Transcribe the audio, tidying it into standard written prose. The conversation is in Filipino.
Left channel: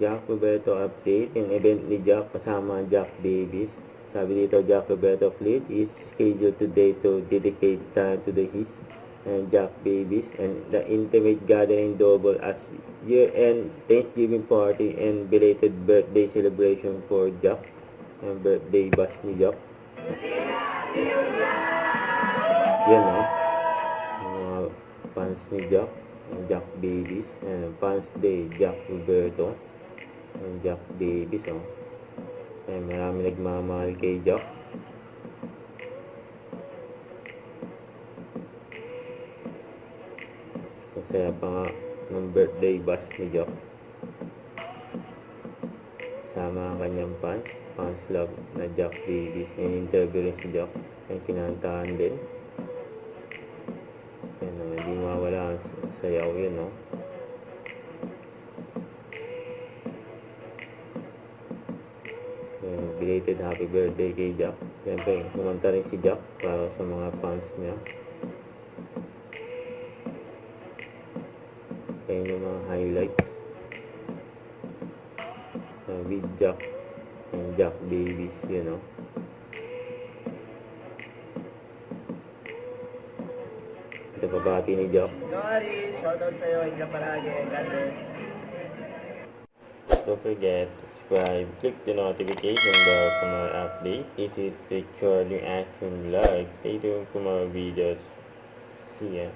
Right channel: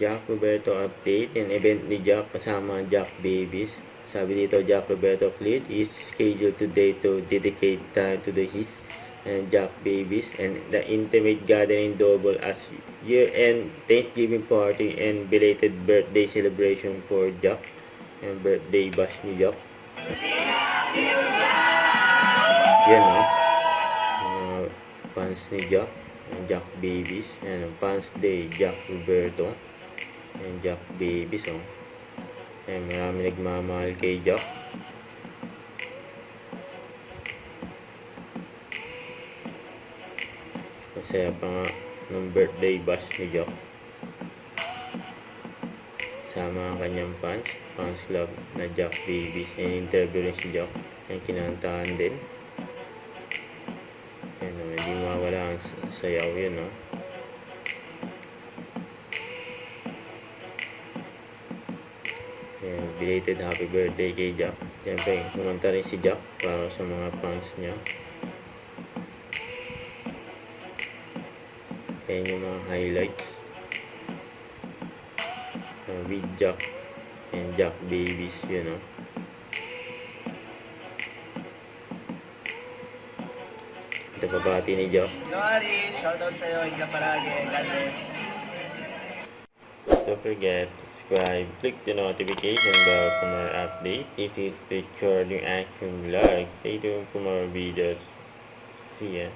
Jack Roberto update and event ni Jack kasama Jack Babies. Sabi dito, Jack Roberto Fleet is scheduled today to dedicate time to his Jack Babies and the intimate gathering double as year-end Thanksgiving party and belated birthday celebration for Jack and birthday bash ni Jack. Yan o. Fans ni Jack. Jack Babies. Fans Day. Jack Roberto. And Jack Babies o. Marami nagmamahal kay Jack. Masaya pa nga ng birthday bash ni Jack. Sama ang kanyang fans love na Jack Babies. Interview rin si Jack. Kinantahan din. Hindi mawala ang sayaw yun, no? Belated happy birthday kay Jack. Siyempre, kumanta rin si Jack para sa mga fans niya. Ayan yung mga highlights with Jack and Jack Babies, yun, no? Ito pabati ni Jack. Noari, shoutout sa'yo. Ingat palagi. God bless. Don't forget to subscribe, click the notification bell for more updates. This is the Charlie Action Vlog. Stay tuned for more videos. See ya.